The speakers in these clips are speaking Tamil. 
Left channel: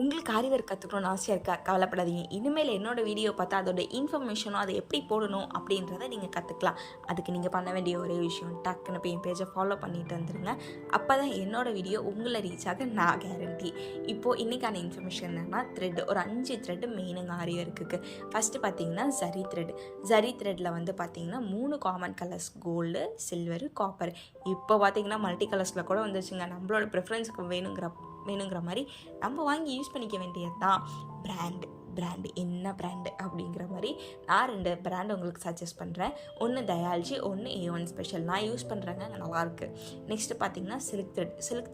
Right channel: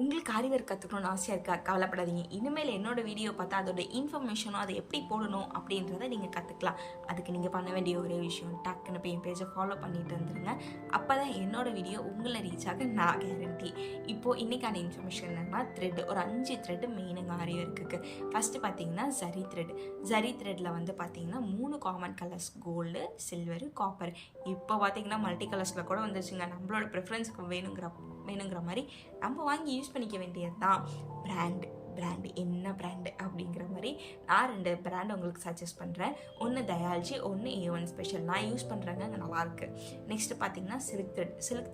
உங்களுக்கு ஆரி ஒர்க் கற்றுக்கணும்னு ஆசையாக இருக்கா? கவலைப்படாதீங்க. இனிமேல் என்னோடய வீடியோ பார்த்தா அதோட இன்ஃபர்மேஷனும் அதை எப்படி போடணும் அப்படின்றத நீங்கள் கற்றுக்கலாம். அதுக்கு நீங்கள் பண்ண வேண்டிய ஒரே விஷயம், டக்குன்னு போய் என் பேஜை ஃபாலோ பண்ணிட்டு வந்துடுங்க. அப்போ தான் என்னோடய வீடியோ உங்களை ரீச் ஆக நான் கேரண்டி. இப்போது இன்றைக்கான இன்ஃபர்மேஷன் என்னென்னா, த்ரெட் ஒரு 5 த்ரெட்டு மெயினுங்க ஆரி ஒர்க்குக்கு. ஃபஸ்ட்டு பார்த்தீங்கன்னா ஜரி த்ரெட். ஜரி த்ரெட்டில் வந்து பார்த்தீங்கன்னா 3 common colours, gold, silver, copper. இப்போ பார்த்தீங்கன்னா மல்டி கலர்ஸில் கூட வந்துச்சுங்க. நம்மளோட ப்ரிஃபரன்ஸுக்கு வேணுங்கிற மாதிரி நம்ம வாங்கி யூஸ் பண்ணிக்க வேண்டியது தான். பிராண்டு என்ன பிராண்டு அப்படிங்கிற மாதிரி நான் 2 பிராண்ட் உங்களுக்கு சஜஸ்ட் பண்ணுறேன். ஒன்று தயால்ஜி, ஒன்று A1 ஸ்பெஷல். நான் யூஸ் பண்ணுறேங்க, நல்லாயிருக்கு. நெக்ஸ்ட்டு பார்த்தீங்கன்னா சில்க்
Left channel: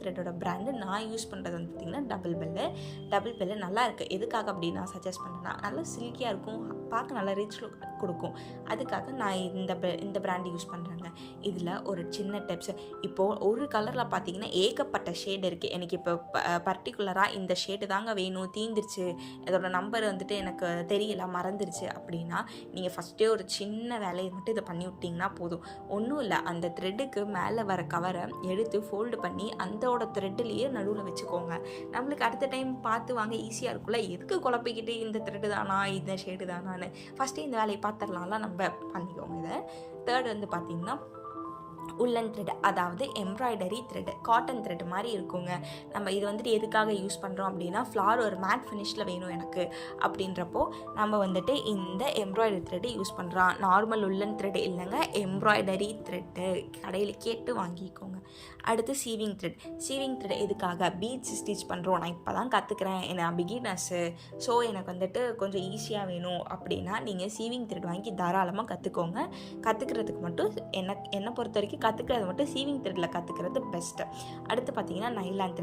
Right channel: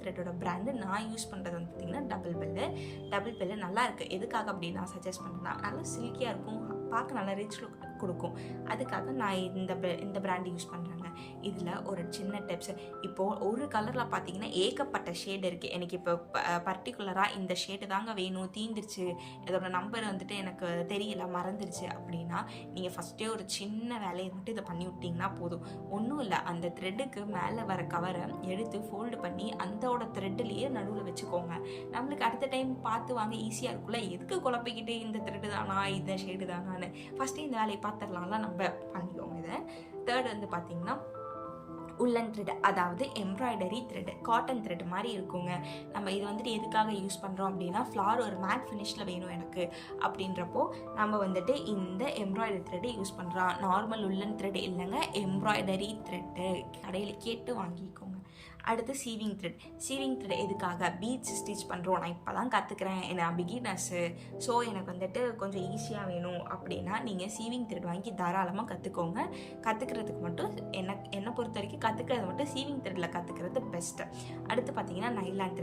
த்ரெட்டோட பிராண்டு நான் யூஸ் பண்ணுறது வந்து பார்த்திங்கன்னா டபுள் பெல்லு நல்லா இருக்குது. எதுக்காக அப்படி நான் சஜஸ்ட் பண்ணுறேன்னா, நல்லா சில்கியாக இருக்கும், பார்க்க நல்லா ரிச் லுக் கொடுக்கும். அதுக்காக நான் இந்த பிராண்டு யூஸ் பண்ணுறேங்க. இதில் ஒரு சின்ன டிப்ஸ், இப்போது ஒரு கலரில் பார்த்தீங்கன்னா ஏகப்பட்ட ஷேடு இருக்குது. எனக்கு இப்போ பர்டிகுலராக இந்த ஷேடு தாங்க வேணும், தீந்துருச்சு, இதோட நம்பர் வந்துட்டு எனக்கு தெரியல, மறந்துருச்சு அப்படின்னா நீங்கள் ஃபஸ்ட்டே ஒரு சின்ன வேலையை மட்டும் இதை பண்ணி விட்டிங்கன்னா போதும். ஒன்றும் இல்லை, அந்த த்ரெட்டுக்கு மேலே வர கவரை எடுத்து ஃபோல்டு பண்ணி அந்தோட த்ரெட்டுலேயே நடுவில் வச்சுக்கோங்க. நம்மளுக்கு அடுத்த டைம் பார்த்து வாங்க ஈஸியாக இருக்கும்ல. எதுக்கு குழப்பிக்கிட்டு இந்த த்ரெட்டு தானா இந்த ஷேடு தானான்னு ஃபஸ்ட்டே இந்த வேலையை பார்த்துடலாம்லாம் நம்ம பண்ணிக்கோங்க. இதை தேர்ட் வந்து பார்த்தீங்கன்னா உள்ளன் த்ரெட், அதாவது எம்ப்ராய்டரி த்ரெட், காட்டன் த்ரெட் மாதிரி இருக்குங்க. நம்ம இது வந்துட்டு எதுக்காக யூஸ் பண்ணுறோம் அப்படின்னா, ஃப்ளார் ஒரு மேட் ஃபினிஷில் வேணும் எனக்கு அப்படின்றப்போ நம்ம வந்துட்டு இந்த எம்ப்ராய்டரி த்ரெட்டு யூஸ் பண்ணுறோம். நார்மல் உள்ளன் த்ரெட் இல்லைங்க, எம்ப்ராய்டரி த்ரெட்டு கடையில் கேட்டு வாங்கிக்கோங்க. அடுத்து சீவிங் த்ரெட் எதுக்காக? பீட்ஸ் ஸ்டிச் பண்ணுறோம். நான் இப்போ தான் கற்றுக்கிறேன், நான் பிகினர்ஸு, ஸோ எனக்கு வந்துட்டு கொஞ்சம் ஈஸியாக வேணும் அப்படின்னா நீங்கள் சீவிங் த்ரெட் வாங்கி தாராளமாக கற்றுக்கோங்க. கற்றுக்கிறதுக்கு மட்டும் என்னை பொறுத்த வரைக்கும் கற்றுக்கிறது மட்டும் சீவிங் த்ரெட்டில் கற்றுக்கிறது பெஸ்ட்டு. அடுத்து பார்த்தீங்கன்னா nylon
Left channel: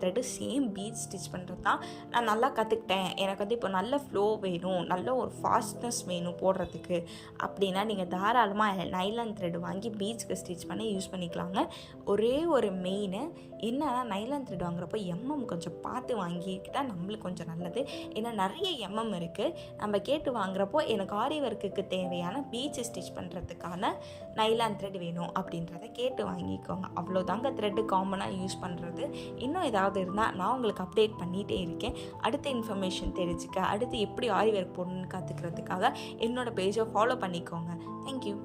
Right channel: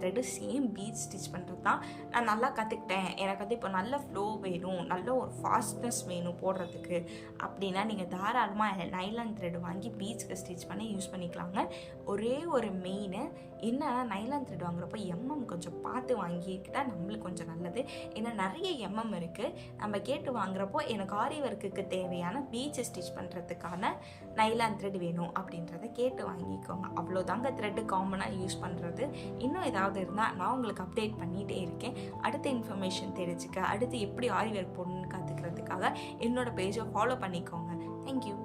thread same beads stitch பண்ணுறது தான். நான் நல்லா கற்றுக்கிட்டேன், எனக்கு வந்து இப்போ நல்ல ஃப்ளோ வேணும், நல்ல ஒரு ஃபாஸ்ட்னஸ் வேணும் போடுறதுக்கு அப்படின்னா நீங்கள் தாராளமாக நைலான் த்ரெட் வாங்கி பீட்ஸ்க்கு ஸ்டிச் பண்ணி யூஸ் பண்ணிக்கலாங்க. ஒரே ஒரு மெயின் என்னன்னா, நைலான் த்ரெட் வாங்குறப்போ கொஞ்சம் பார்த்து வாங்கிக்கிட்டால் நம்மளுக்கு கொஞ்சம் நல்லது. ஏன்னா நிறைய இருக்குது. நம்ம கேட்டு வாங்குறப்போ எனக்கு ஆரி ஒர்க்குக்கு தேவையான பீட்ஸ் ஸ்டிச் பண்ணுறதுக்கான நைலான் த்ரெட் வேணும் அப்படின்றத கேட்டு வாங்கிக்கோங்க. அவ்வளோதாங்க த்ரெட்டு காமனாக யூஸ் பண்ணுறது. இன்னும் ஏதாவது இருந்தால் நான் உங்களுக்கு அப்டேட் பண்ணிகிட்டே இருக்கேன். அடுத்த இன்ஃபர்மேஷன் தெரிஞ்சுக்க, அடுத்து எப்படி ஆரி ஒர்க் போடணும்னு கற்றுக்கிறதுக்காக என்னோட பேஜை ஃபாலோ பண்ணிக்கோங்க. தேங்க்யூ.